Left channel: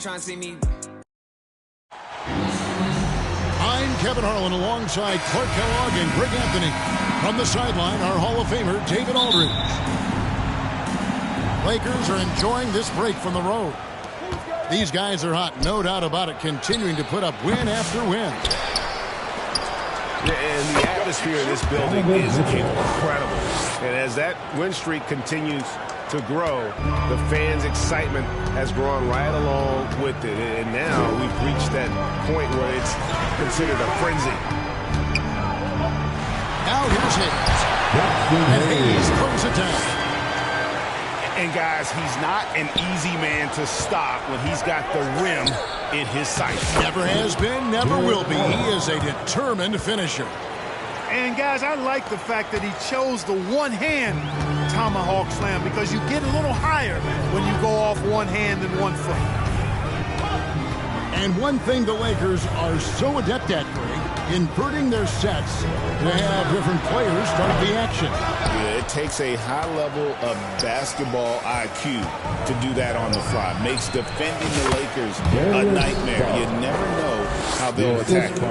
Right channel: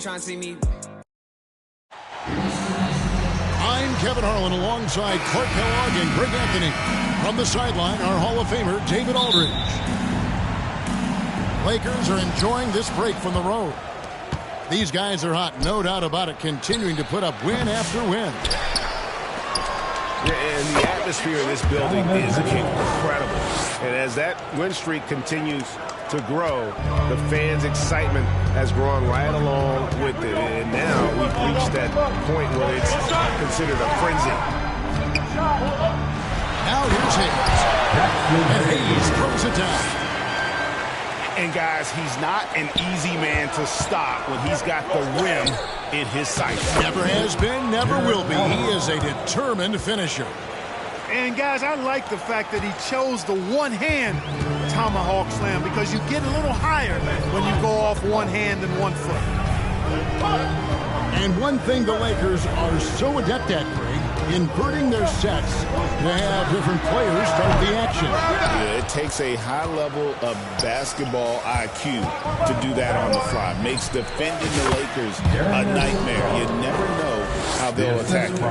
ain't trying to see me. I'm Kevin Harlan alongside Clark Kellogg and Greg Anthony. From the sideline, our Hall of Famer, David Aldridge. Lakers are enjoying this break from the road. These guys are hot, no doubt about it, continuing to put up win after win. Yeah, and the atmosphere in this building is incredible. And as that win streak continues to grow, the fans' excitement has grown right along with it. And now we've reached that point where it's considered a frenzy. Now here's Hayes. And Hayes throws it down. And guys, he's not an easy man to stop when he's got the rim in his sights. Never has been, never will be. He is a determined finisher. And guys, I like the fact that he chose the one-hand tomahawk slam, because you get a little higher when you go off one hand and 1 foot. And one thing the Lakers are so adept at, Greg, inverting their sets to have different players start the action. Yeah, it takes a high level of basketball IQ to do that on the fly. Makes defending the Lakers a nightmare. You never know how they'll attack you.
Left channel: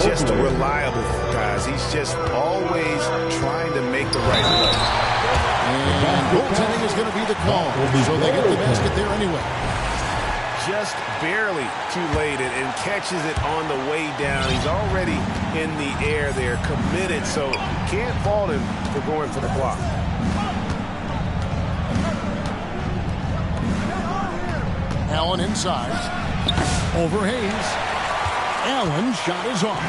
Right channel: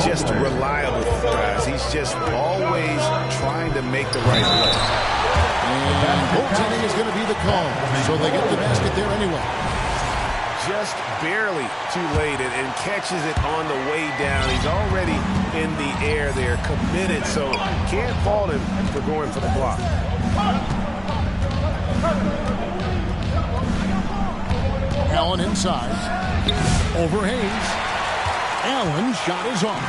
Just reliable, guys. He's just always trying to make the right play. And goaltending is going to be the call, so they get the basket there anyway. Just barely too late and catches it on the way down. He's already in the air there, committed, so can't fault him for going for the block. Allen inside. Over Hayes. Allen's shot is off.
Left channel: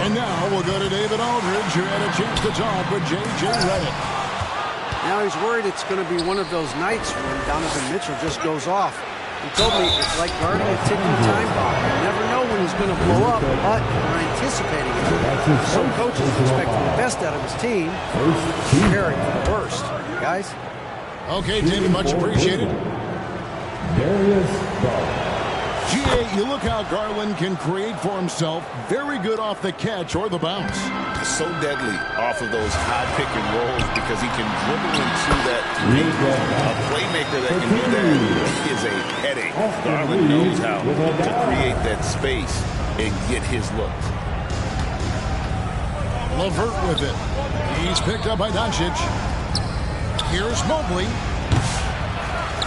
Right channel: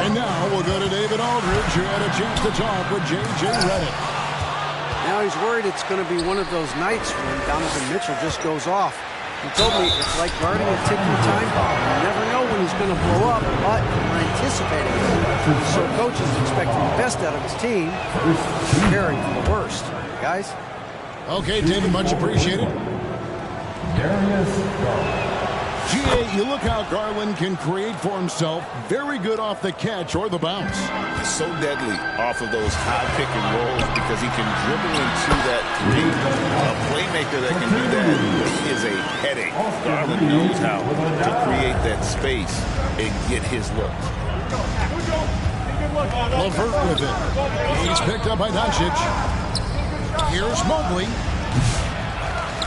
And now we'll go to David Aldridge, who had a chance to talk with J.J. Redick. Now he's worried it's going to be one of those nights when Donovan Mitchell just goes off. He told me it's like guarding a ticking time bomb. You never know when he's going to blow up, but we're anticipating it. So coach is expecting the best out of his team, preparing for the worst. Guys? Okay, David, much appreciated. G.A., you look how Garland can create for himself. Very good off the catch or the bounce. So deadly off of those high pick and rolls because he can dribble into that three. A playmaker that can do that is a headache. Garland knows how to create that space and get his look. LeVert with it. He's picked up by Doncic. Here's Mobley.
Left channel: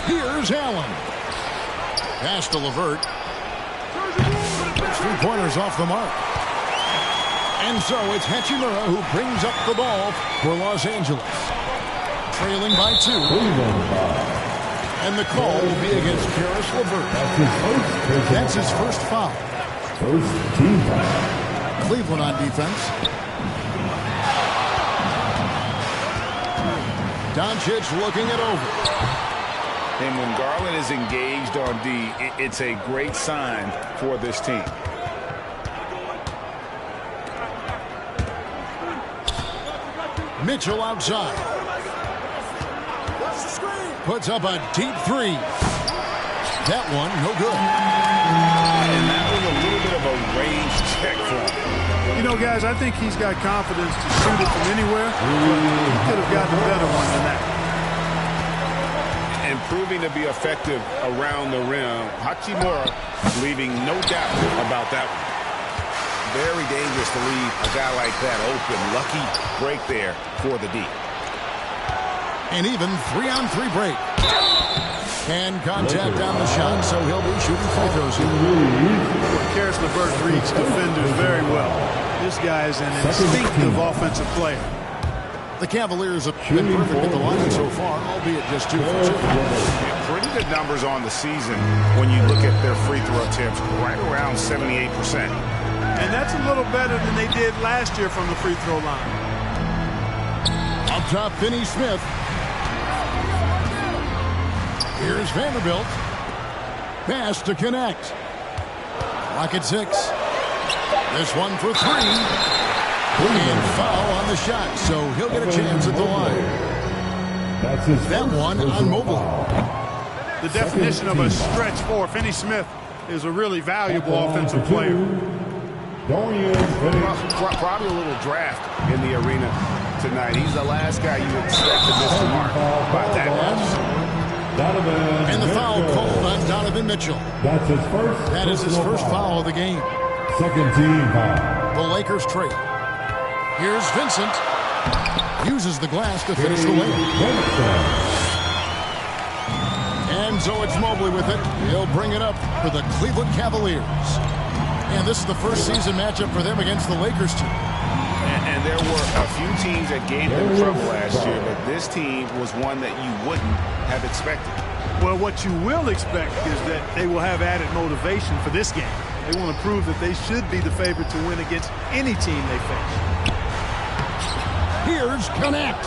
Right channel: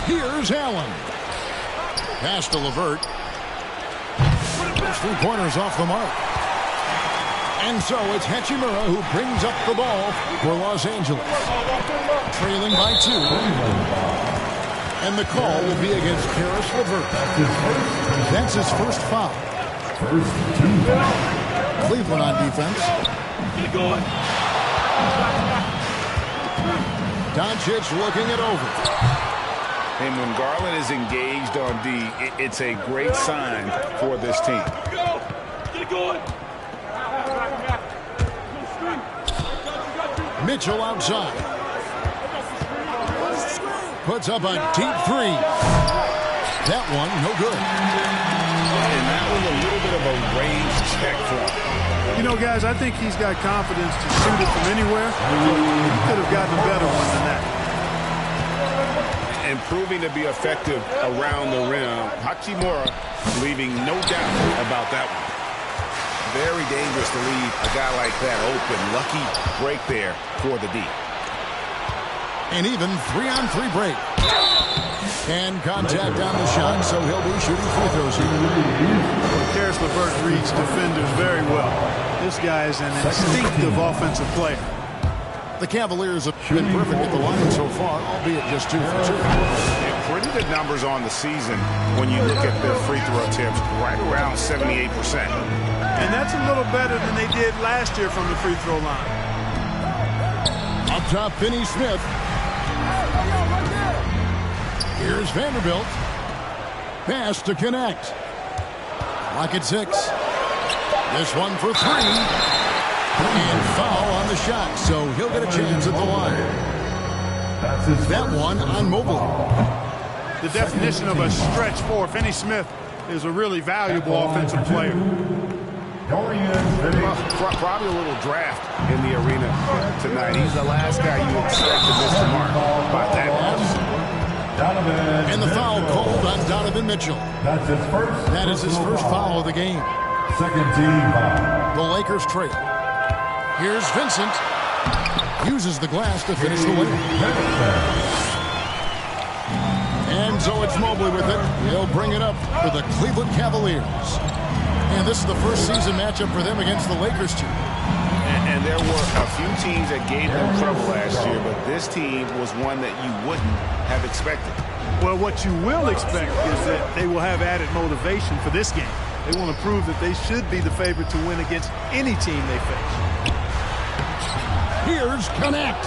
Here's Allen. Pass to LeVert. Those 3-pointers off the mark. And so it's Hachimura who brings up the ball for Los Angeles. Trailing by 2. And the call will be against Karis LeVert. That's his first foul. First team foul. Cleveland on defense. Doncic looking it over. And when Garland is engaged on D, it's a great sign for this team. Mitchell outside. Puts up a deep 3. That one, no good. And that was a little bit of a range check for him. You know, guys, I think he's got confidence to shoot it from anywhere, but he could have gotten a better one than that. And proving to be effective around the rim. Hachimura leaving no doubt about that one. Very dangerous to leave a guy like that open. Lucky break there for the D. An even 3-on-3 break. And contact on the shot, so he'll be shooting free throws here. Well, Karis LeVert reads defenders very well. This guy is an instinctive offensive player. The Cavaliers have been perfect at the line so far, albeit just 2 for 2. Yeah, pretty good numbers on the season when you look at their free throw attempts, right around 78%. And that's a little better than they did last year from the free throw line. Up top, Finney-Smith. Here's Vanderbilt. Pass to connect. Clock at 6. This one for 3. And foul on the shot, so he'll get a chance at the line. That one on Mobley. The definition of a stretch 4. Finney-Smith is a really valuable offensive player. Probably a little draft in the arena tonight. He's the last guy you expect to miss the mark by that much. And the foul called on Donovan Mitchell. That's his first. That is his first foul of the game. Second team foul. The Lakers trail. Here's Vincent. Uses the glass to finish the layup. And so it's Mobley with it. He'll bring it up for the Cleveland Cavaliers. And this is the first season matchup for them against the Lakers team. And there were a few teams that gave them trouble last year, but this team was one that you wouldn't have expected. Well, what you will expect is that they will have added motivation for this game. They want to prove that they should be the favorite to win against any team they face. Here's Connect.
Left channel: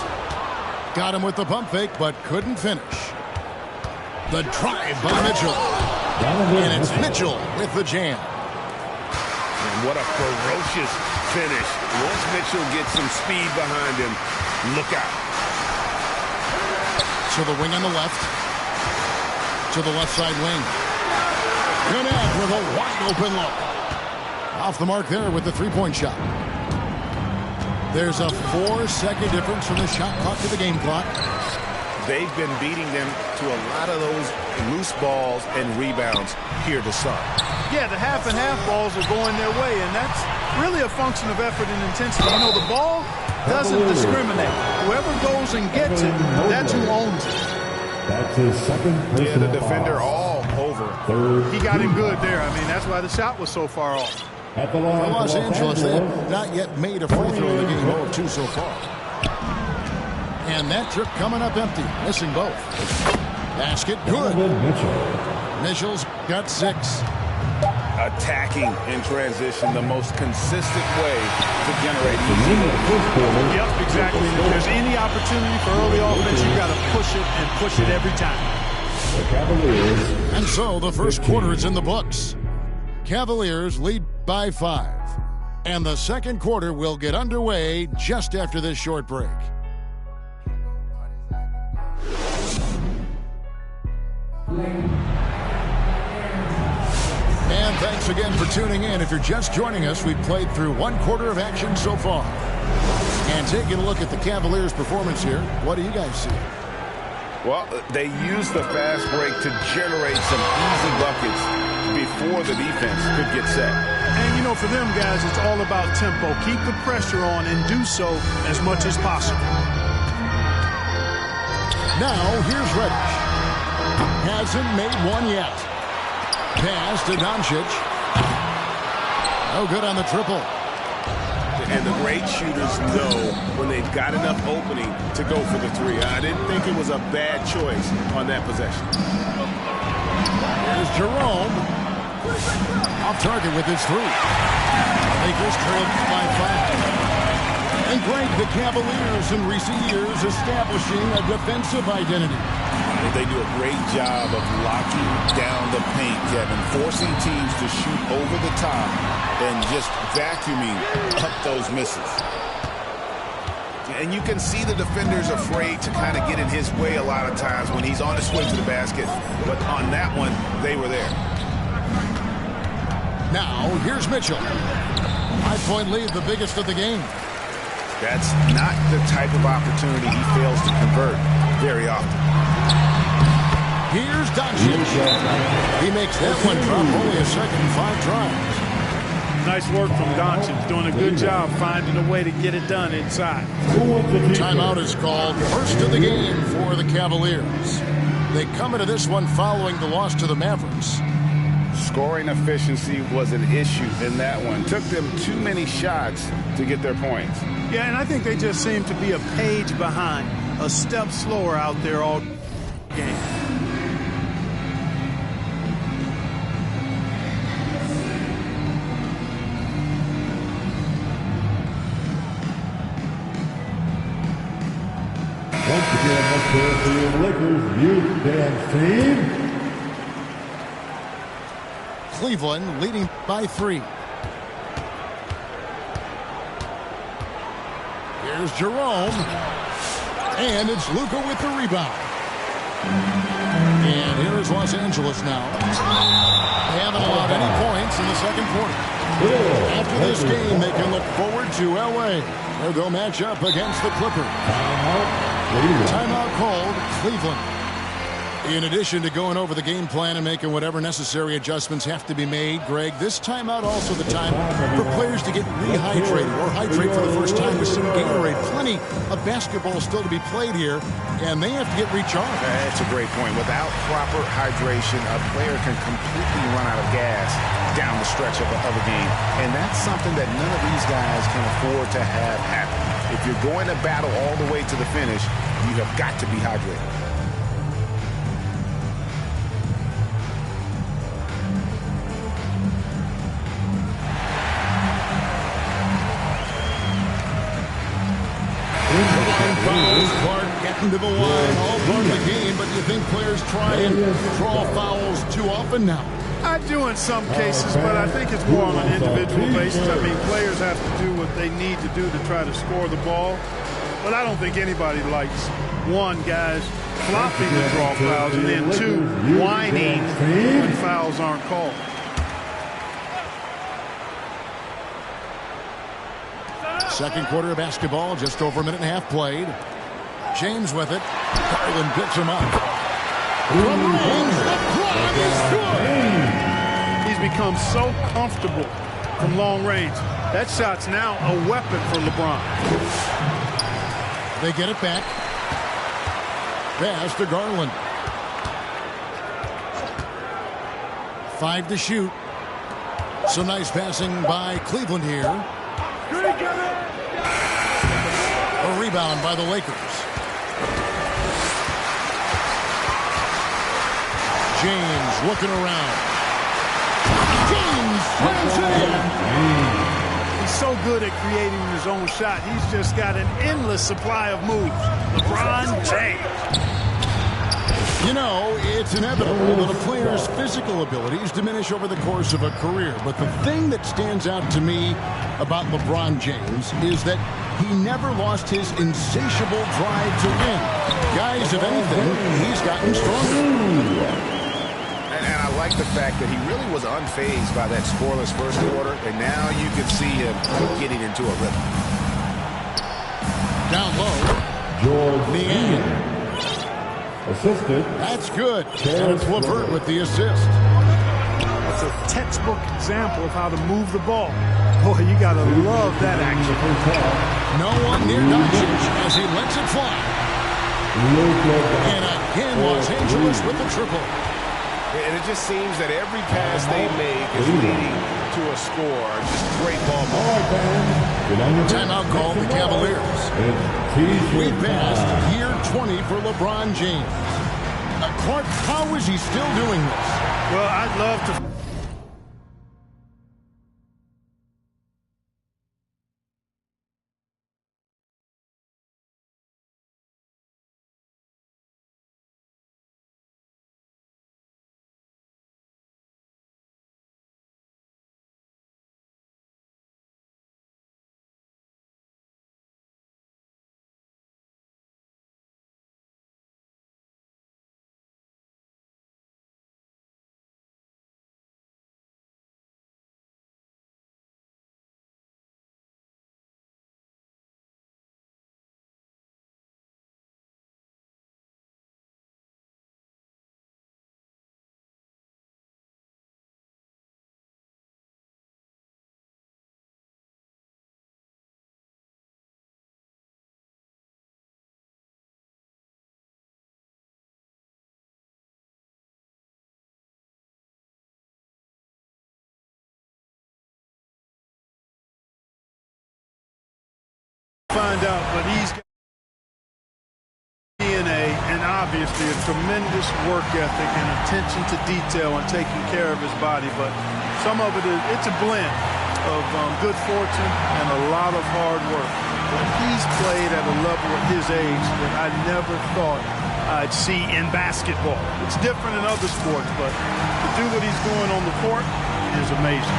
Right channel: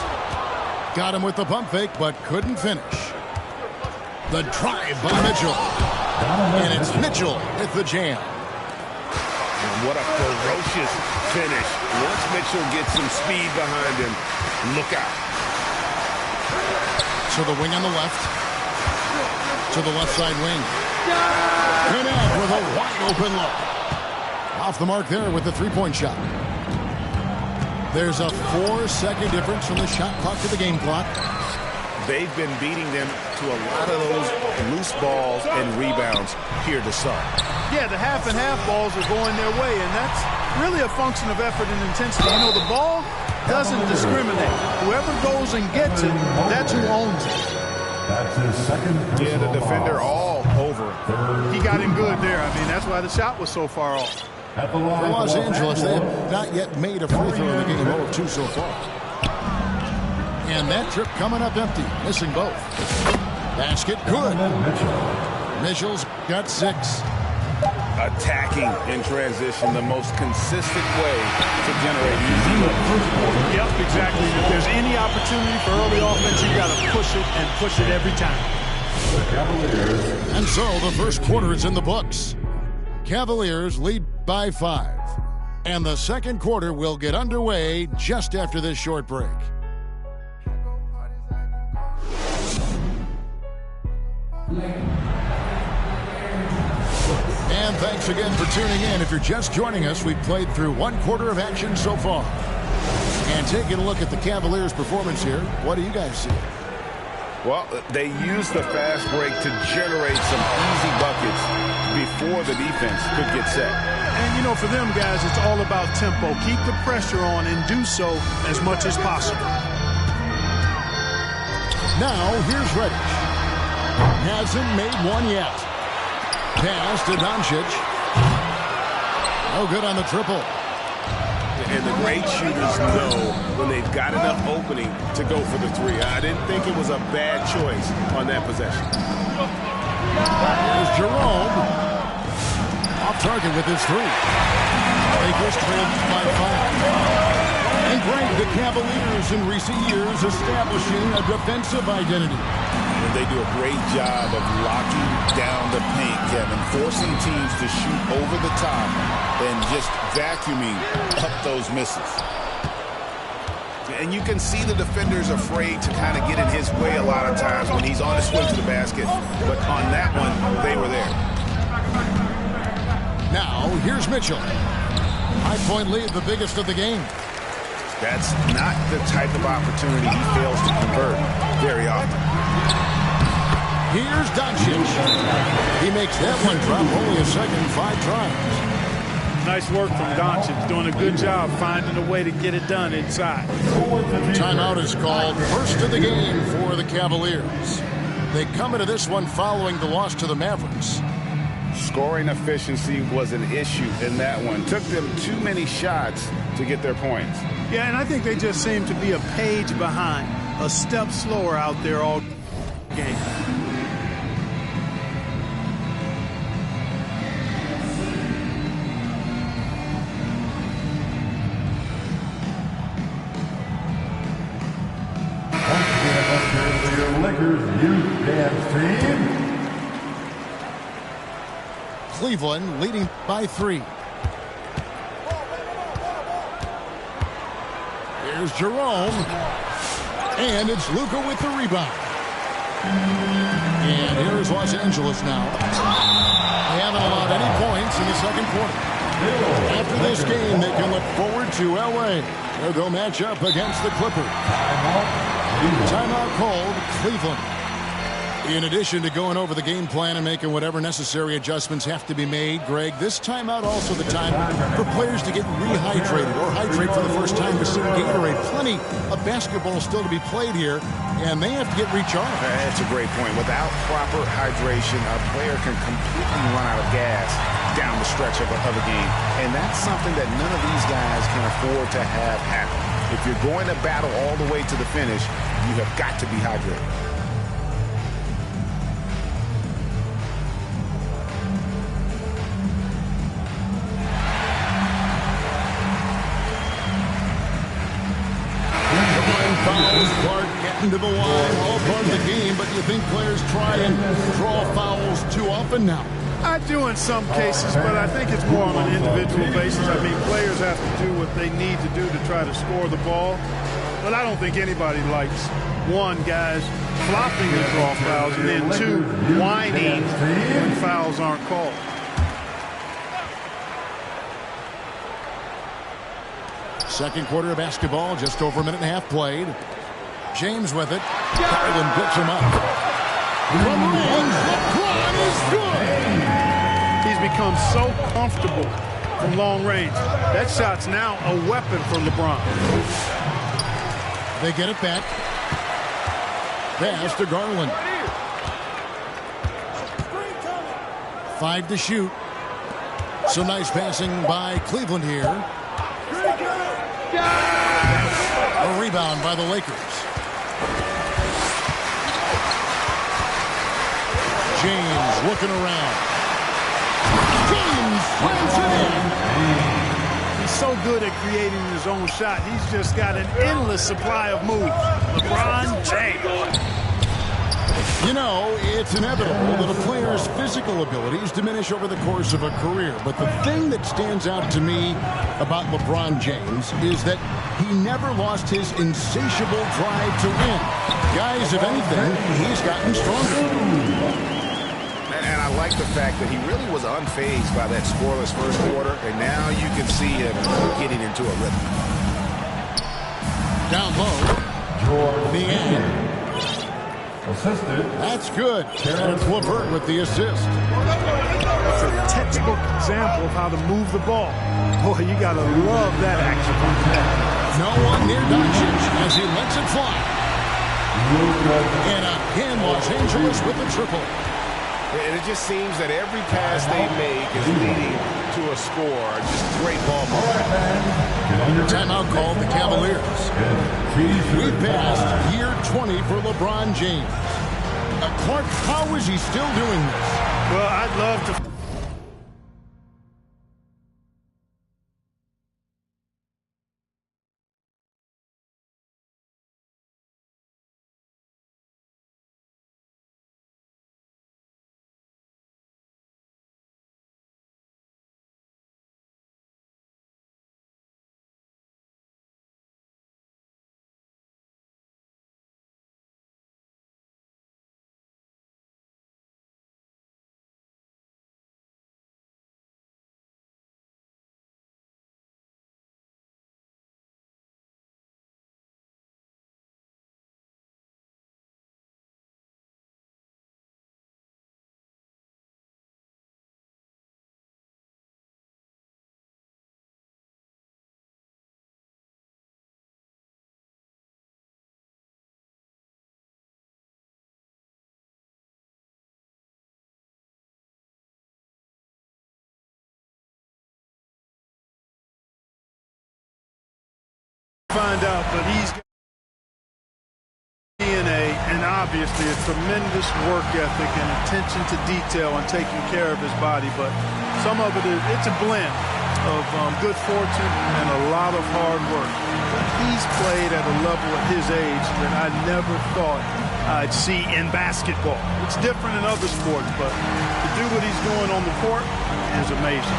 Got him with the pump fake, but couldn't finish. The drive by Mitchell. And it's Mitchell with the jam. And what a ferocious finish. Once Mitchell gets some speed behind him, look out. To the wing on the left. To the left side wing. Connect with a wide open look. Off the mark there with the three-point shot. There's a 4-second difference from the shot clock to the game clock. They've been beating them to a lot of those loose balls and rebounds here to start. Yeah, the half and half balls are going their way, and that's really a function of effort and intensity. You know, the ball doesn't discriminate. Whoever goes and gets it, that's who owns it. That's his second personal Yeah, the defender foul. all over him. He got him good there. I mean, that's why the shot was so far off. At the line For Los Angeles, they have not yet made a free throw in the game. 0 of 2 so far. And that trip coming up empty, missing both. Basket good. Mitchell's got 6. Attacking in transition, the most consistent way to generate easy goals. Yep, exactly. And if there's any opportunity for early offense, you got to push it and push it every time. The Cavaliers. And so the first quarter is in the books. Cavaliers lead by 5. And the second quarter will get underway just after this short break. And thanks again for tuning in. If you're just joining us, we've played through one quarter of action so far. And taking a look at the Cavaliers' performance here, what do you guys see? Well, they used the fast break to generate some easy buckets before the defense could get set. And, you know, for them guys, it's all about tempo. Keep the pressure on and do so as much as possible. Now, here's Reddish. Hasn't made one yet. Pass to Doncic. No good on the triple. And the great shooters know when they've got enough opening to go for the 3. I didn't think it was a bad choice on that possession. Here's Jerome. Off target with his 3. Lakers trailed by 5. And Greg, the Cavaliers in recent years establishing a defensive identity. And they do a great job of locking down the paint, Kevin, forcing teams to shoot over the top and just vacuuming up those misses. And you can see the defenders afraid to kind of get in his way a lot of times when he's on his way to the basket. But on that one, they were there. Now, here's Mitchell. 5-point lead, the biggest of the game. That's not the type of opportunity he fails to convert very often. Here's Doncic. He makes that one drop only a second, 5 tries. Nice work from Doncic, doing a good job finding a way to get it done inside. Timeout is called, first of the game for the Cavaliers. They come into this one following the loss to the Mavericks. Scoring efficiency was an issue in that one. Took them too many shots to get their points. Yeah, and I think they just seem to be a page behind, a step slower out there all game. Once again, let's hear it for your Lakers youth dance team. Cleveland leading by 3. Here's Jerome. And it's Luka with the rebound. And here is Los Angeles now. They haven't allowed any points in the second quarter. After this game, they can look forward to L.A., where they'll match up against the Clippers. Timeout called, Cleveland. In addition to going over the game plan and making whatever necessary adjustments have to be made, Greg, this timeout also the time for players to get rehydrated or hydrate for the first time with some Gatorade. Plenty of basketball still to be played here, and they have to get recharged. That's a great point. Without proper hydration, a player can completely run out of gas down the stretch of a game. And that's something that none of these guys can afford to have happen. If you're going to battle all the way to the finish, you have got to be hydrated. Fouls, Clark getting to the line, all part of the game, but you think players try and draw fouls too often now? I do in some cases, but I think it's more on an individual basis. I mean, players have to do what they need to do to try to score the ball, but I don't think anybody likes, one, guys flopping to draw fouls, and then two, whining when fouls aren't called. Second quarter of basketball, just over a minute and a half played. James with it. Garland picks him up. From range, LeBron is good. He's become so comfortable from long range. That shot's now a weapon for LeBron. They get it back. Pass to Garland. 5 to shoot. Some nice passing by Cleveland here. A rebound by the Lakers. James looking around. James slams it in. He's so good at creating his own shot. He's just got an endless supply of moves. LeBron James. You know, it's inevitable that a player's physical abilities diminish over the course of a career. But the thing that stands out to me about LeBron James is that he never lost his insatiable drive to win. Guys, if anything, he's gotten stronger. And I like the fact that he really was unfazed by that scoreless first quarter, and now you can see him getting into a rhythm. Down low. George Niang. Assisted. That's good. And it's LeVert with the assist. That's a textbook example of how to move the ball. Boy, you got to love that action. No one near Doncic as he lets it fly. And again, Los Angeles with the triple. And it just seems that every pass they make is leading to a score. Just great ball movement. Timeout called the Cavaliers. We passed year 20 for LeBron James. Clark, how is he still doing this? Well, I'd love to. Find out, but he's got DNA and obviously a tremendous work ethic and attention to detail and taking care of his body. But some of it's a blend of good fortune and a lot of hard work. But he's played at a level at his age that I never thought I'd see in basketball. It's different in other sports, but to do what he's doing on the court is amazing.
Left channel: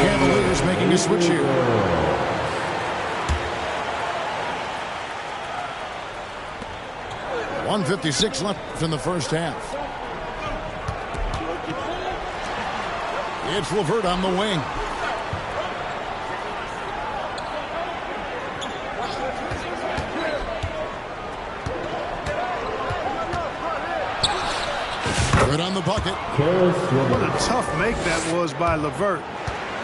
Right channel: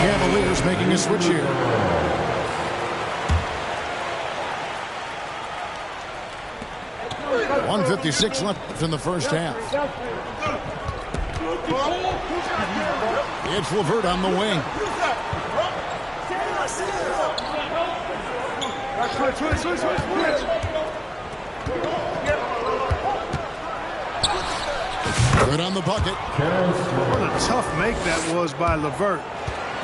Cavaliers making a switch here. 1:56 left in the first half. It's LeVert on the wing. Good on the bucket. What a tough make that was by LeVert.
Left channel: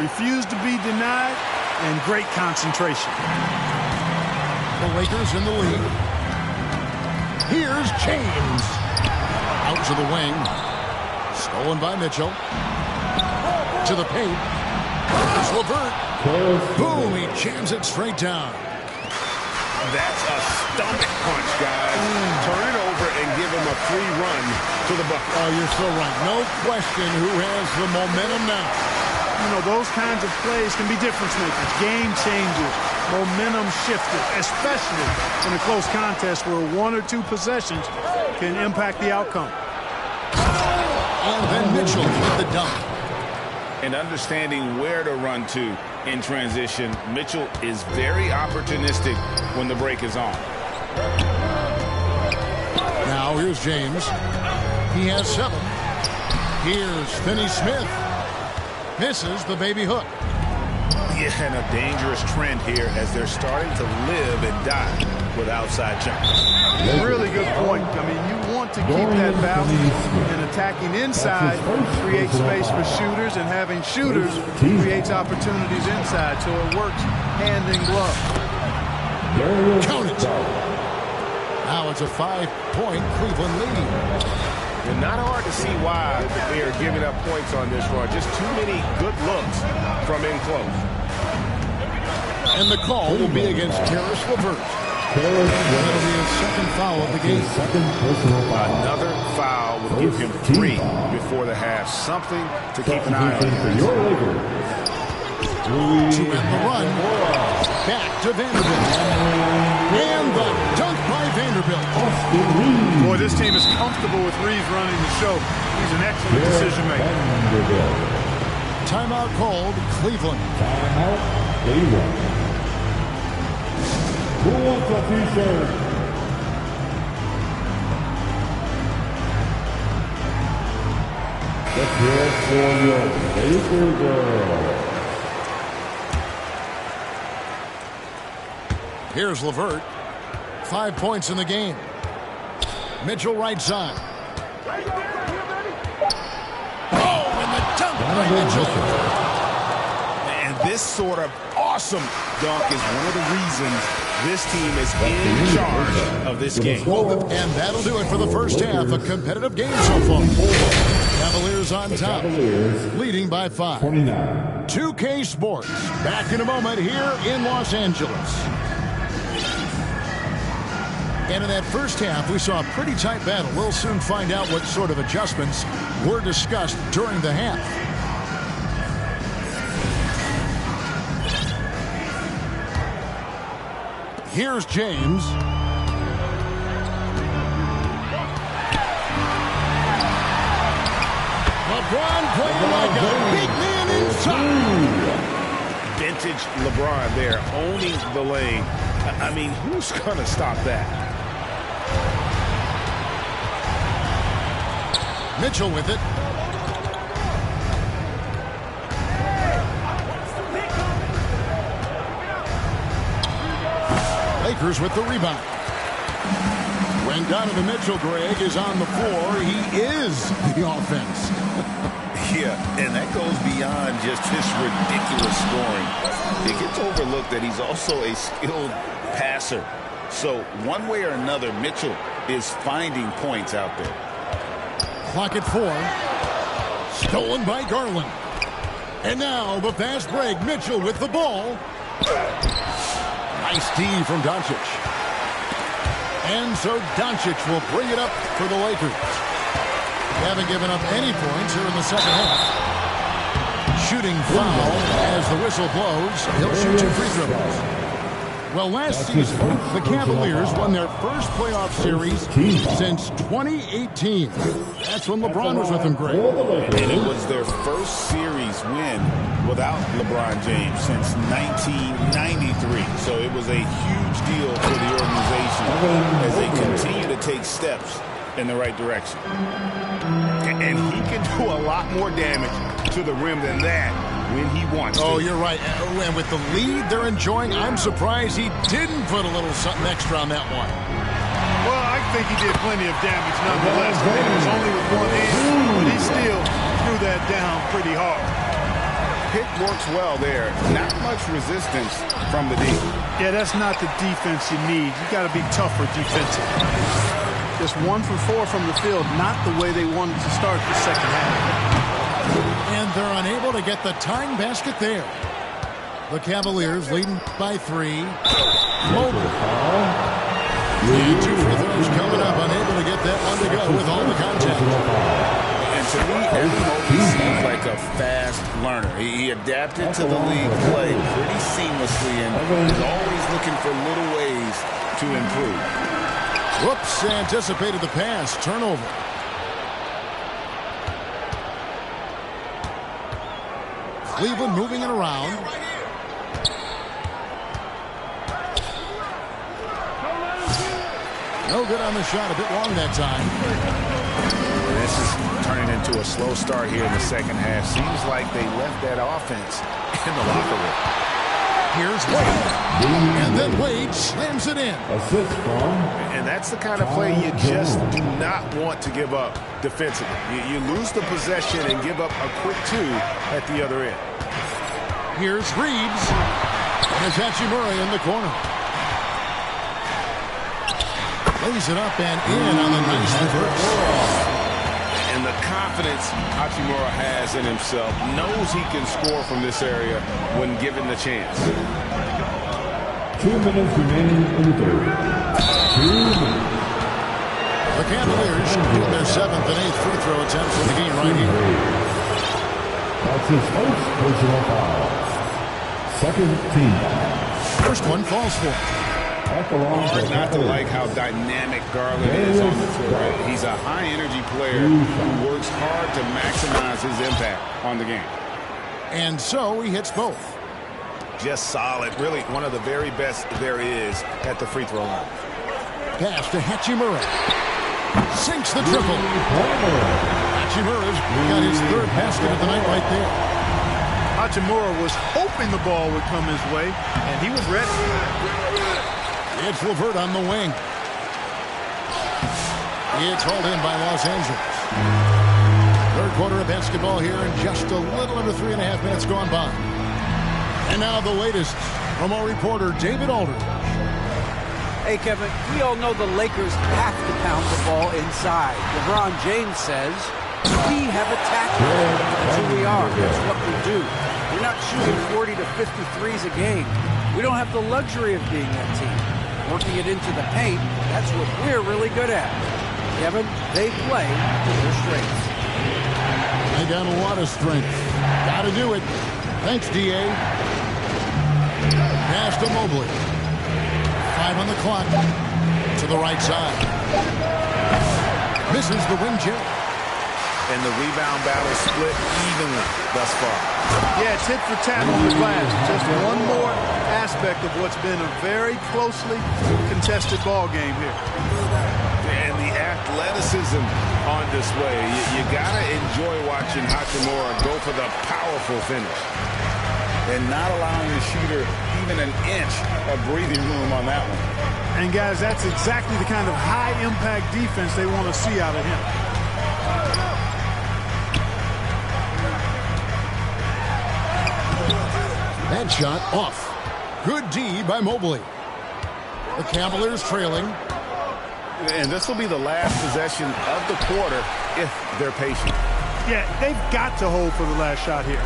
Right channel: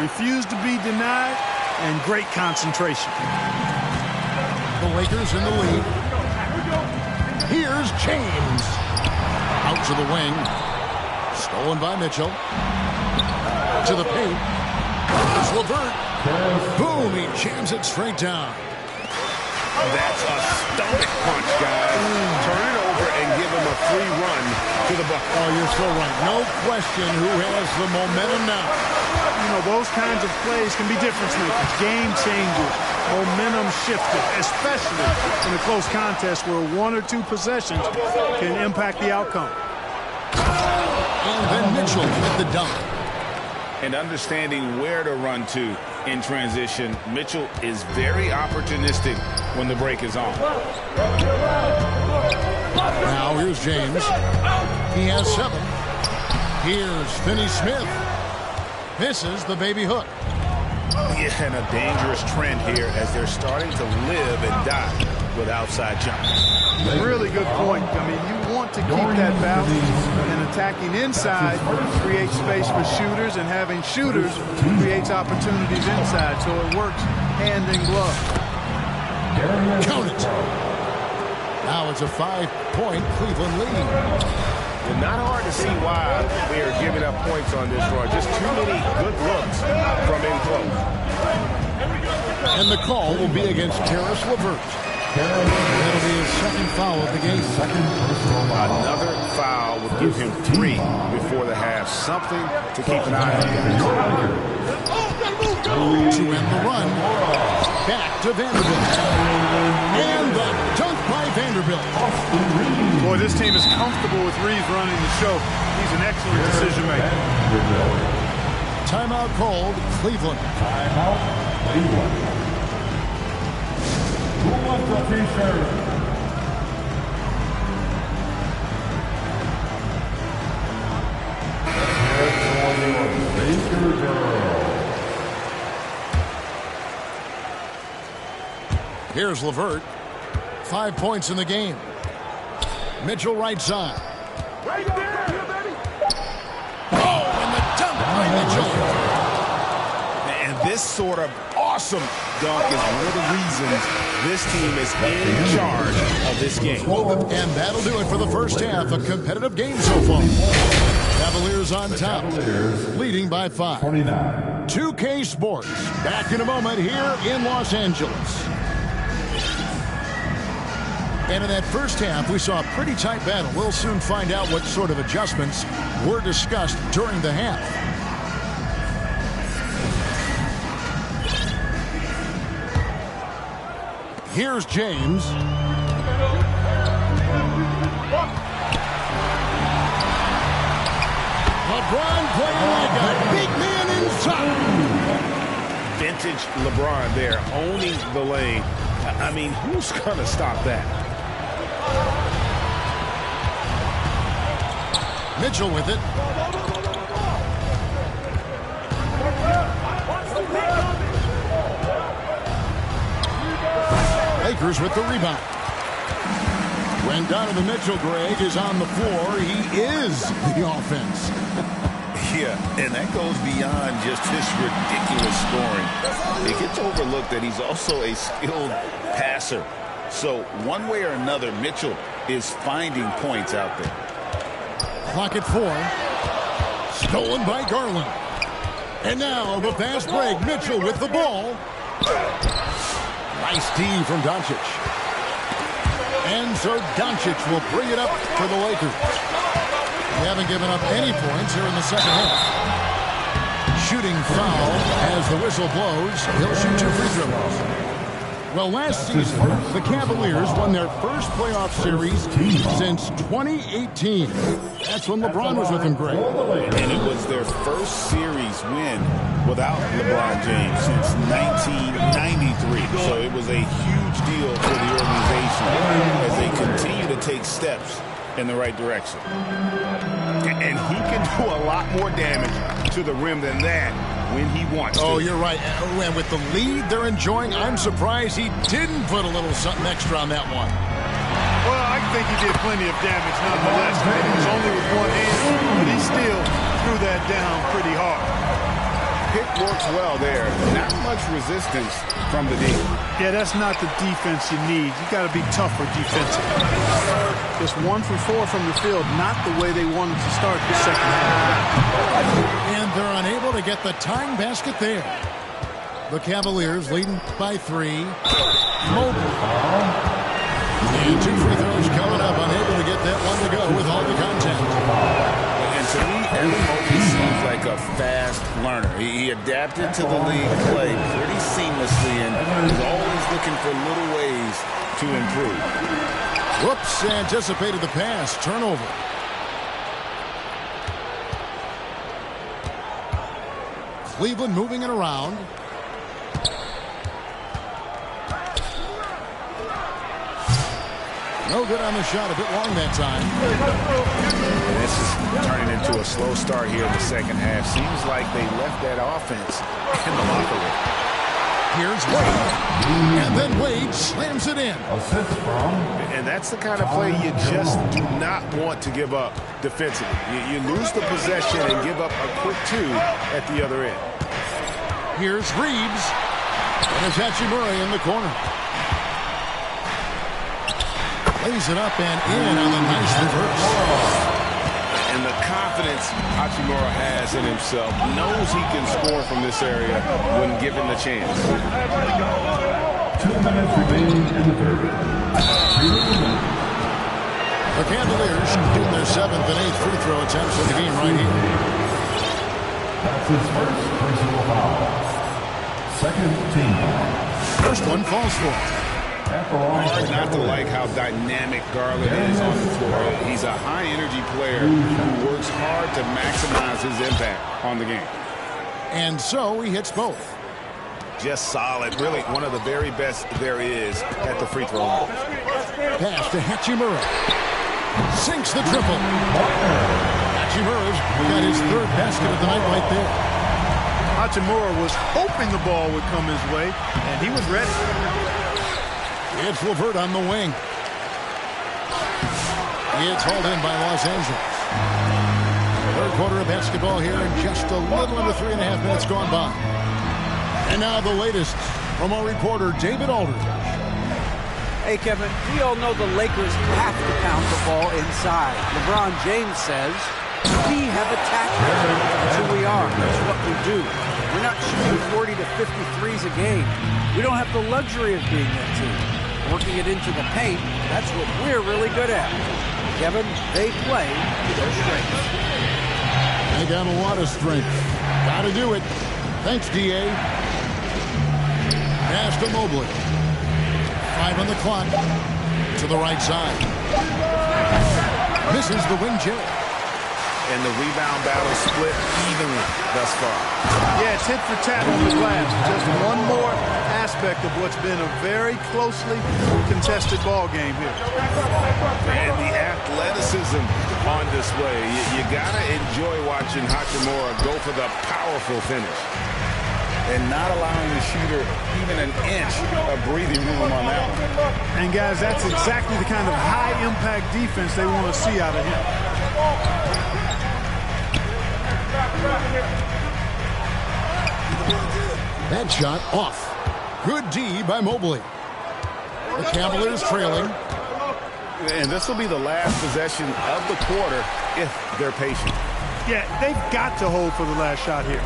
Refused to be denied, and great concentration. The Lakers in the lead. Here's James. Out to the wing. Stolen by Mitchell. To the paint. Here's LeVert. Boom, he jams it straight down. That's a stomach punch, guys. Turn it over and give him a free run to the bucket. Oh, you're so right. No question who has the momentum now. You know, those kinds of plays can be difference makers, game changers, momentum shifters, especially in a close contest where one or two possessions can impact the outcome. And then Mitchell with the dunk. And understanding where to run to in transition, Mitchell is very opportunistic when the break is on. Now here's James. He has 7. Here's Finney-Smith. Misses the baby hook. Yeah, and a dangerous trend here as they're starting to live and die with outside jumps. Really good point. I mean, you want to keep that balance, and attacking inside creates space for shooters, and having shooters creates opportunities inside, so it works hand in glove. Count it. Now it's a 5-point Cleveland lead. And not hard to see why they are giving up points on this run. Just too many good looks from in close. And the call will be against Karis LeVert. That'll be his second foul of the game. Another foul would give him 3 before the half. Something to keep an eye on, guys. To end the run, back to Vanderbilt. And the dunk by Vanderbilt. Boy, this team is comfortable with Reeves running the show. He's an excellent decision maker. Timeout called, Cleveland. Timeout, Cleveland. Who wants a t-shirt? Let's hear it for your Laker girl. Here's LeVert. 5 points in the game. Mitchell right side. Oh, and the dunk by Mitchell. And this sort of awesome dunk is one of the reasons this team is in charge of this game. And that'll do it for the first half. A competitive game so far. Cavaliers on top, leading by 5. 29. 2K Sports, back in a moment here in Los Angeles. And in that first half, we saw a pretty tight battle. We'll soon find out what sort of adjustments were discussed during the half. Here's James. LeBron playing like a big man inside. Vintage LeBron there, owning the lane. I mean, who's going to stop that? Mitchell with it. Lakers with the rebound. When Donovan Mitchell, Greg, is on the floor, he is the offense. Yeah, and that goes beyond just his ridiculous scoring. It gets overlooked that he's also a skilled passer. So one way or another, Mitchell is finding points out there. Clock at 4. Stolen by Garland. And now the fast break. Mitchell with the ball. Nice D from Doncic. And so Doncic will bring it up for the Lakers. They haven't given up any points here in the second half. Shooting foul as the whistle blows. He'll shoot 2 free throws. Well, last season, the Cavaliers won their first playoff series since 2018. That's when LeBron was with them, Greg. And it was their first series win without LeBron James since 1993. So it was a huge deal for the organization as they continue to to take steps in the right direction. And he can do a lot more damage to the rim than that when he wants to. Oh, you're right. And with the lead they're enjoying, I'm surprised he didn't put a little something extra on that one. Well, I think he did plenty of damage nonetheless. I mean, it was only with one hand, but he still threw that down pretty hard. Pick works well there. Not much resistance from the D. Yeah, that's not the defense you need. You got to be tougher defensively. Just 1 for 4 from the field, not the way they wanted to start the second half. And they're unable to get the tying basket there. The Cavaliers leading by 3. Mobley. And 2 free throws coming up. Unable to get that one to go with all the contact. And to me, Evan Mobley seems like a fast learner. He adapted to the league play pretty seamlessly and is always looking for little ways to improve. Whoops, anticipated the pass. Turnover. Cleveland moving it around. No good on the shot. A bit long that time. This is turning into a slow start here in the second half. Seems like they left that offense in the locker room. Here's Wade. And then Wade slams it in. Assist from. And that's the kind of play you just do not want to give up defensively. You lose the possession and give up a quick 2 at the other end. Here's Reeves. And it's Hachimura in the corner. Lays it up and in on the nice reverse. And the confidence Hachimura has in himself, knows he can score from this area when given the chance. 2 minutes remaining in the third. 2 minutes. The Cavaliers shooting their 7th and 8th free throw attempts in the game right here. That's his first personal foul. Second team foul. First one falls for it. Hard not to like how dynamic Garland is on the floor. He's a high-energy player who works hard to maximize his impact on the game. And so he hits both. Just solid. Really one of the very best there is at the free throw line. Pass to Hachimura. Sinks the triple. Hachimura's got his 3rd basket of the night right there. Hachimura was hoping the ball would come his way, and he was ready. It's LeVert on the wing. It's hauled in by Los Angeles. 3rd quarter of basketball here and just a little under 3.5 minutes gone by. And now the latest from our reporter, David Aldridge. Hey, Kevin, we all know the Lakers have to pound the ball inside. LeBron James says, we have attackers. That's who we are. That's what we do. We're not shooting 40 to 53s a game. We don't have the luxury of being that team. Working it into the paint, that's what we're really good at. Kevin, they play to their strengths. They got a lot of strength. Got to do it. Thanks, D.A. Pass to Mobley. 5 on the clock. To the right side. Misses the wing J. And the rebound battle split evenly thus far. Yeah, tit for tat on the glass. Just one more aspect of what's been a very closely contested ball game here. And the athleticism on display. You got to enjoy watching Hachimura go for the powerful finish. And not allowing the shooter even an inch of breathing room on that one. And, guys, that's exactly the kind of high-impact defense they want to see out of him. That shot off. Good D by Mobley. The Cavaliers trailing. And this will be the last possession of the quarter if they're patient. Yeah, they've got to hold for the last shot here.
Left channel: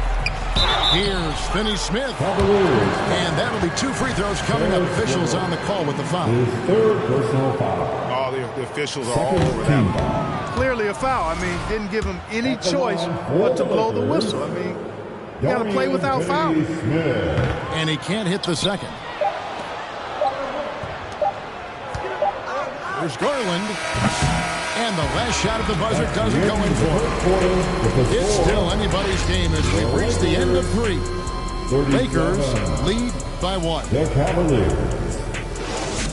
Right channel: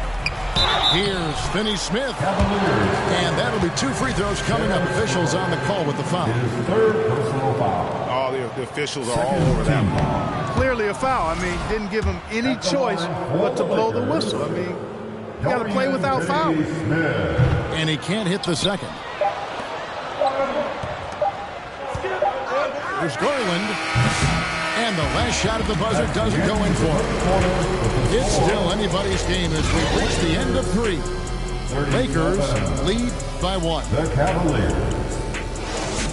Here's Finney-Smith. Cavaliers. And that'll be 2 free throws coming up. Officials on the call with the foul. His 3rd personal foul. Oh, the officials are all over that one. Clearly a foul. I mean, didn't give him any choice but to blow the whistle. I mean, you got to play without fouling. And he can't hit the second. There's Garland. And the last shot at the buzzer doesn't go in for it. It's still anybody's game as we reach the end of 3. Lakers lead by 1. The Cavaliers.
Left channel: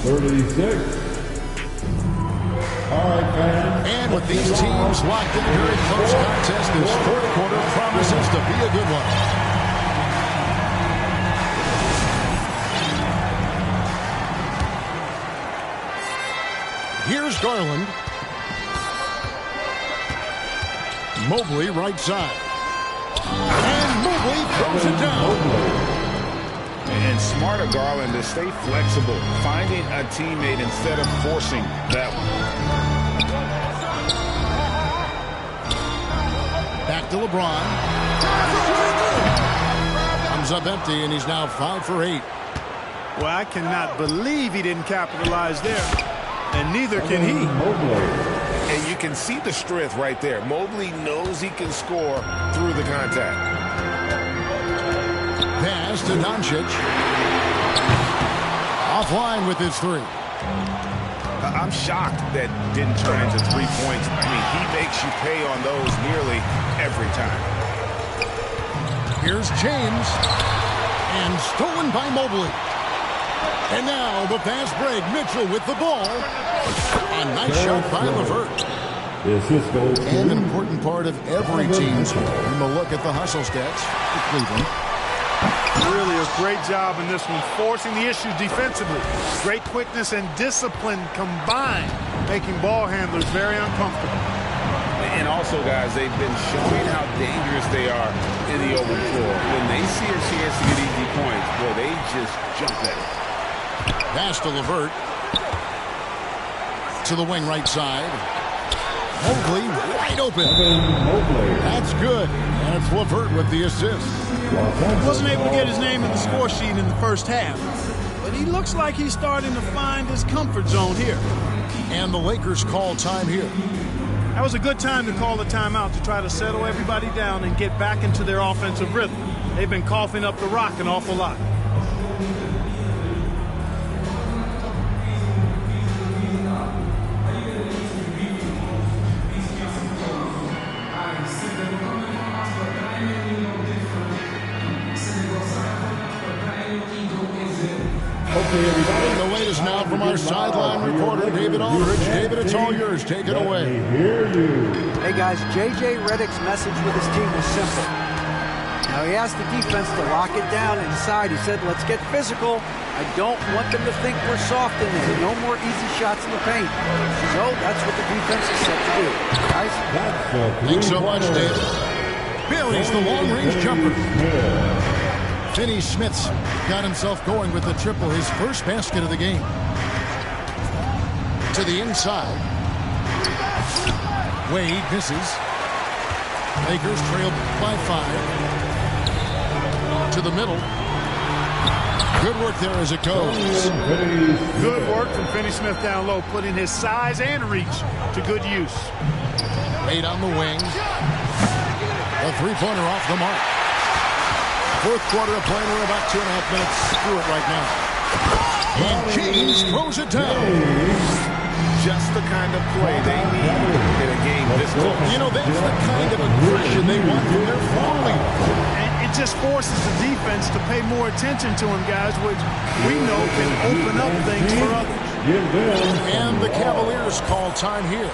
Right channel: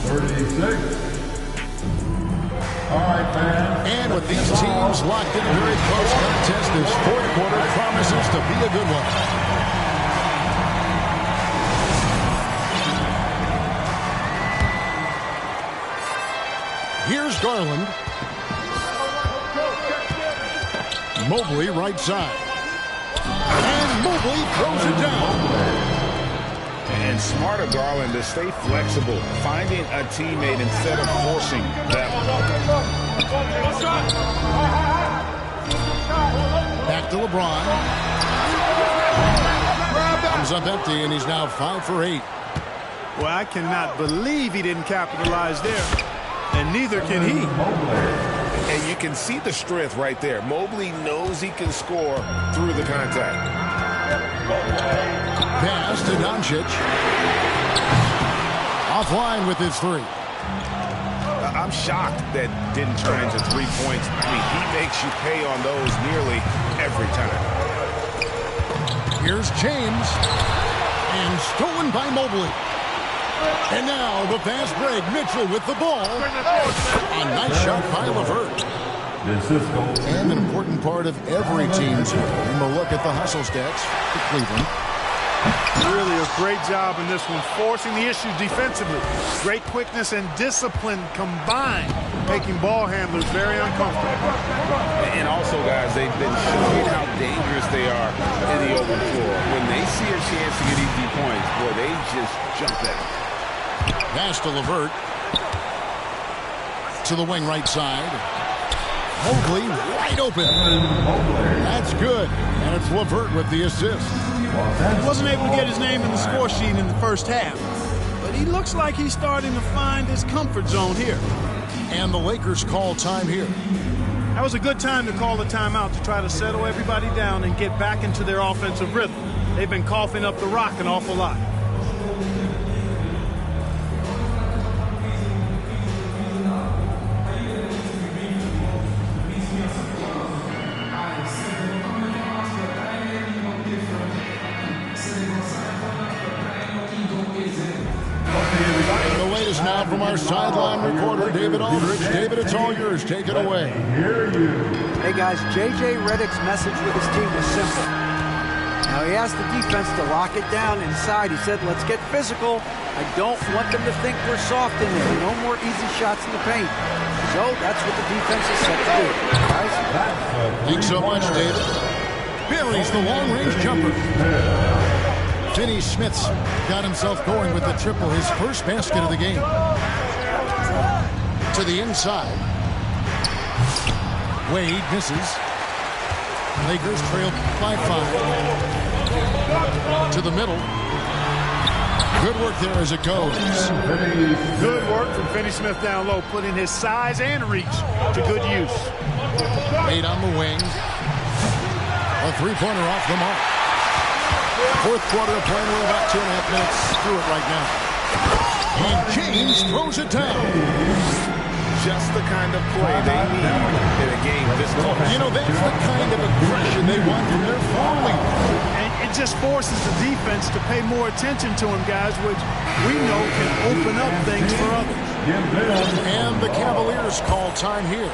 36. All right, fans. And with these teams locked in a very close contest, this fourth quarter promises to be a good one. Here's Garland. Mobley right side. And Mobley throws it down. And smart of Garland to stay flexible, finding a teammate instead of forcing that one. Back to LeBron. Comes up empty, and he's now 5 for 8. Well, I cannot believe he didn't capitalize there. And neither can he. And you can see the strength right there. Mobley knows he can score through the contact. Pass to Doncic. Offline with his 3. I'm shocked that didn't turn into 3 points. I mean, he makes you pay on those nearly every time. Here's James. And stolen by Mobley. And now the fast break. Mitchell with the ball. A nice shot by LeVert. And an important part of every team's game. And we'll look at the hustle stats for Cleveland. Really a great job in this one, forcing the issue defensively. Great quickness and discipline combined, making ball handlers very uncomfortable. And also, guys, they've been showing how dangerous they are in the open floor. When they see a chance to get easy points, boy, they just jump at it. Pass to LeVert. To the wing right side. Mobley wide open. That's good. And it's LeVert with the assist. He wasn't able to get his name in the score sheet in the first half, but he looks like he's starting to find his comfort zone here. And the Lakers call time here. That was a good time to call the timeout to try to settle everybody down and get back into their offensive rhythm. They've been coughing up the rock an awful lot. And the latest now from our sideline reporter, David Aldridge. David, it's all yours. Take it away. Hey, guys, J.J. Redick's message with his team was simple. Now, he asked the defense to lock it down inside. He said, let's get physical. I don't want them to think we're soft in there. No more easy shots in the paint. So that's what the defense is set to do. Guys? Thanks so much, David. Buries the long-range jumper. Finney Smith's got himself going with the triple, his first basket of the game. To the inside. Wade misses. Lakers trail by 5. To the middle. Good work there as it goes. Good work from Finney Smith down low, putting his size and reach to good use. Wade on the wing. A three-pointer off the mark. Fourth quarter of play, we're about 2.5 minutes through it right now. And James throws it down. Just the kind of play they need in a game this close. You know, that's the kind of aggression they want from their floor leader. And it just forces the defense to pay more attention to him, guys, which we know can open up things for others. And the Cavaliers call time here.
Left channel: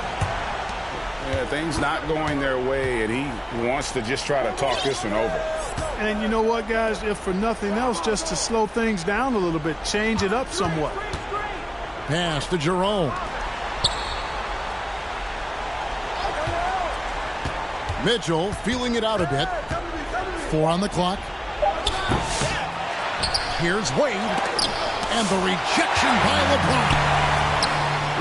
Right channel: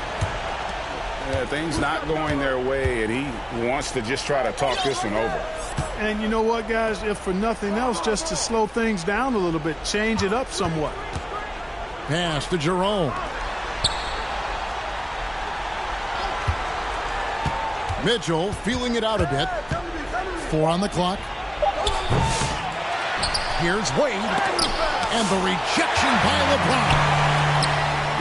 Yeah, things not going their way, and he wants to just try to talk this one over. And you know what, guys? If for nothing else, just to slow things down a little bit, change it up somewhat. Pass to Jerome. Mitchell feeling it out a bit. 4 on the clock. Here's Wade. And the rejection by LeBron.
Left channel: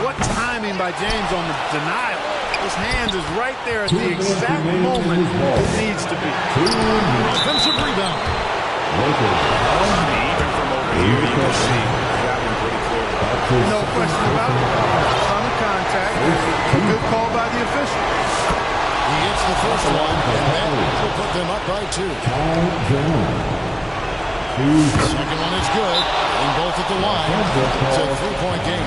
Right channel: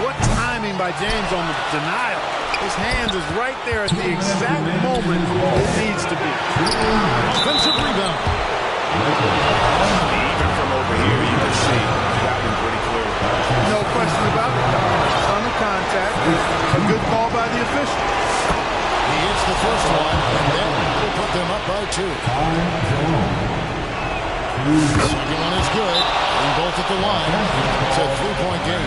What timing by James on the denial. His hand is right there at the exact moment it needs to be. Offensive rebound. Even from over here, you can see that one pretty clearly. No question about it. A ton of contact. A good call by the official. He hits the first one, and that will put them up by 2. Second one is good. Getting both at the line. It's a 3-point game.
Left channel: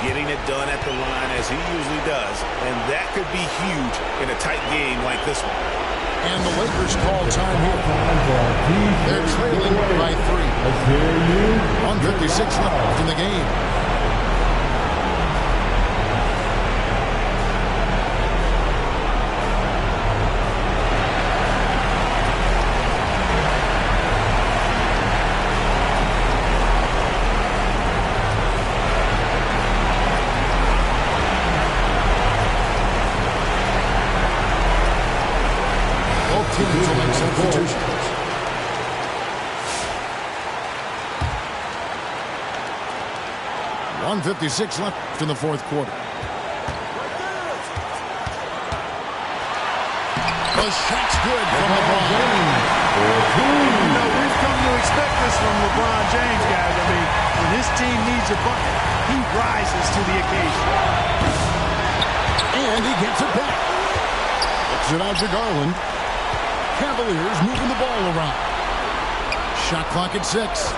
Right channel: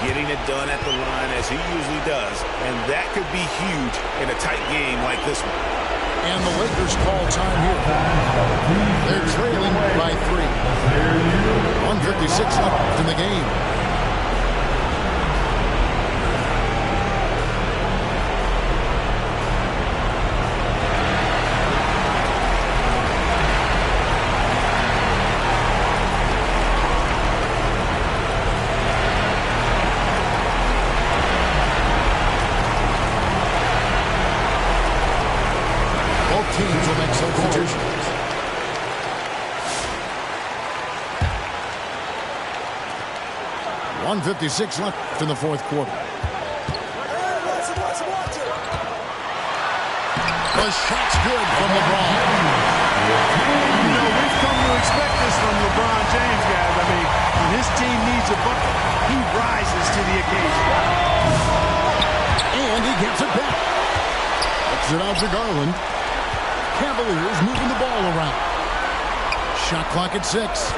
Getting it done at the line as he usually does, and that could be huge in a tight game like this one. And the Lakers call time here. They're trailing by 3. 1:56 left in the game. teams will make substitutions. .156 left in the fourth quarter. The shot's good from LeBron. And, you know, we've come to expect this from LeBron James, guys. I mean, when his team needs a bucket, he rises to the occasion. And he gets it back. Looks it out to Garland. Cavaliers moving the ball around. Shot clock at 6.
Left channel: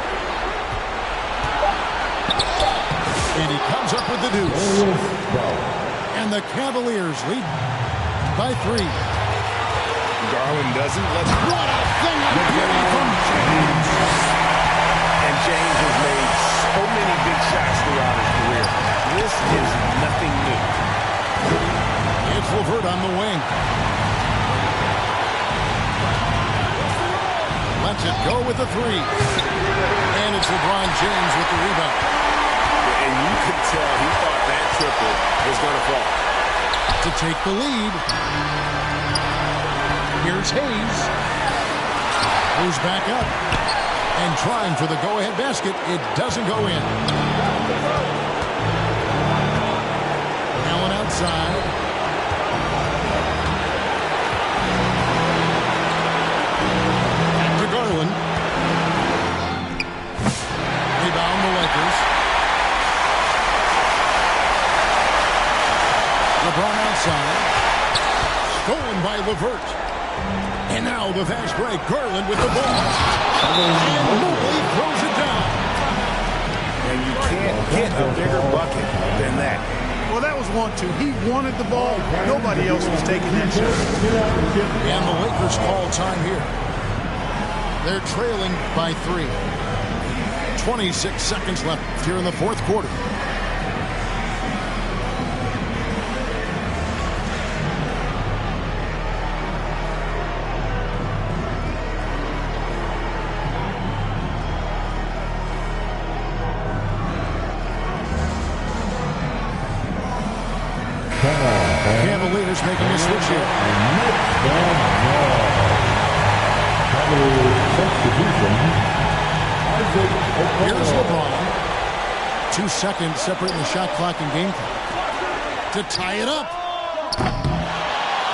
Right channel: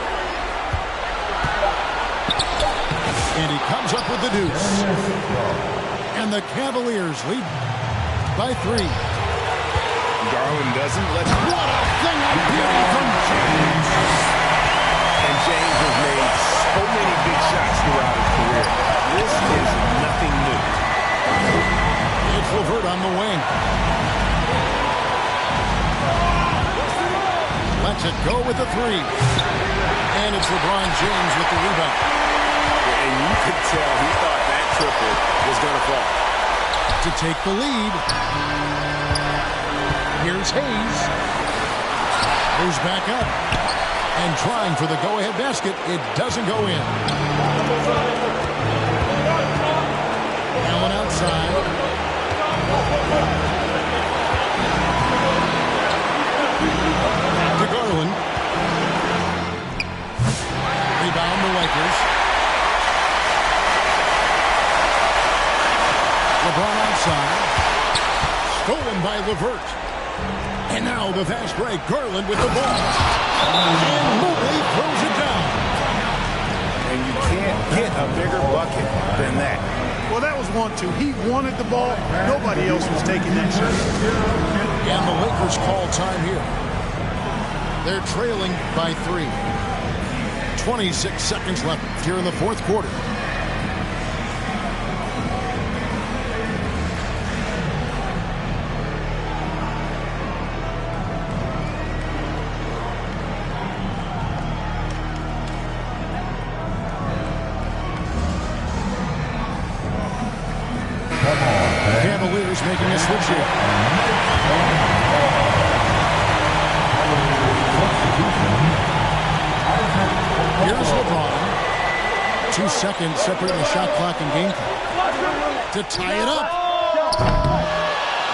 And he comes up with the deuce. And the Cavaliers lead by 3. Garland doesn't let... What a thing of beauty from James. And James has made so many big shots throughout his career. This is nothing new. It's LeVert on the wing. Lets it go with the 3. And it's LeBron James with the rebound. And you could tell he thought that triple was going to fall. To take the lead. Here's Hayes. Goes back up. And trying for the go-ahead basket. It doesn't go in. Allen outside. Back to Garland. Rebound the Lakers. LeBron outside. Stolen by LeVert. And now the fast break. Garland with the ball. And Mobley throws it down. And you can't get a bigger bucket than that. Well, that was 1-2. He wanted the ball. Nobody else was taking that shot. And the Lakers call time here. They're trailing by 3. 26 seconds left here in the fourth quarter. Cavaliers making a switch here. Here's LeBron. 2 seconds separating the shot clock and game clock. To tie it up.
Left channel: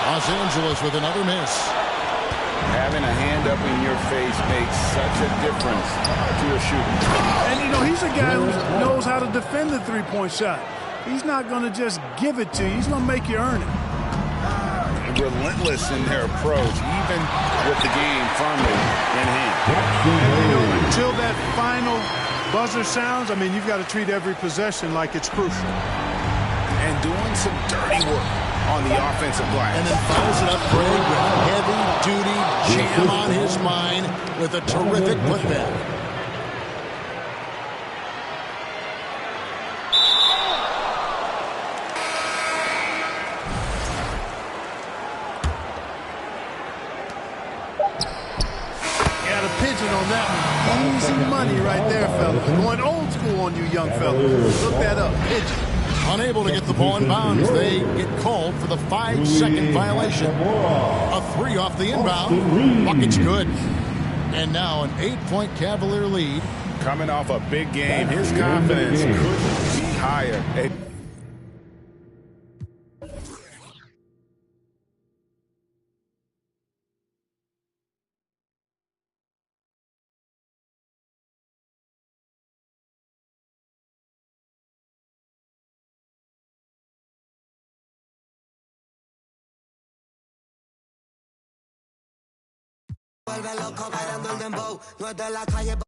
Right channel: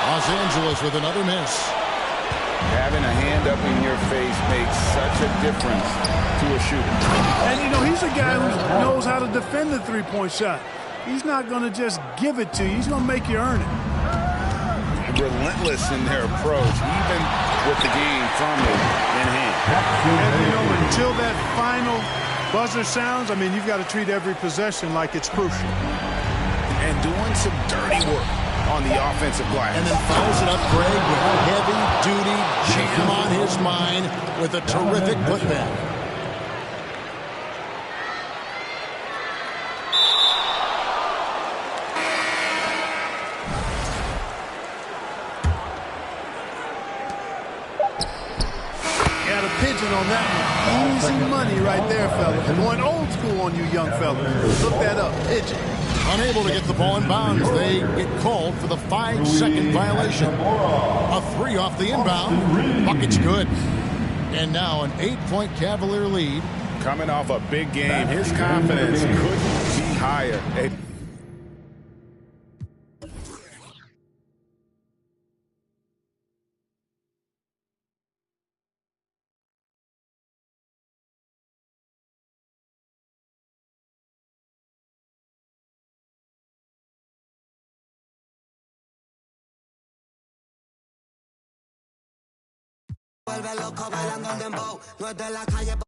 Los Angeles with another miss. Having a hand up in your face makes such a difference to a shooter. And, you know, he's a guy who knows how to defend the three-point shot. He's not going to just give it to you. He's going to make you earn it. Relentless in their approach, even with the game firmly in hand. And, you know, until that final buzzer sounds, I mean, you've got to treat every possession like it's crucial. And doing some dirty work on the offensive glass. And then follows it up, Greg, with heavy-duty jam on his mind with a terrific putback. Got a pigeon on that one. Easy money right there, fellas. Going old school on you young fellas. Look that up. Pigeon. Unable to get the ball in bounds. They get called for the 5-second violation. A 3 off the inbound. Bucket's good. And now an 8-point Cavalier lead. Coming off a big game, his confidence couldn't be higher. Vuelve loco bailando el dembow, no es de la calle.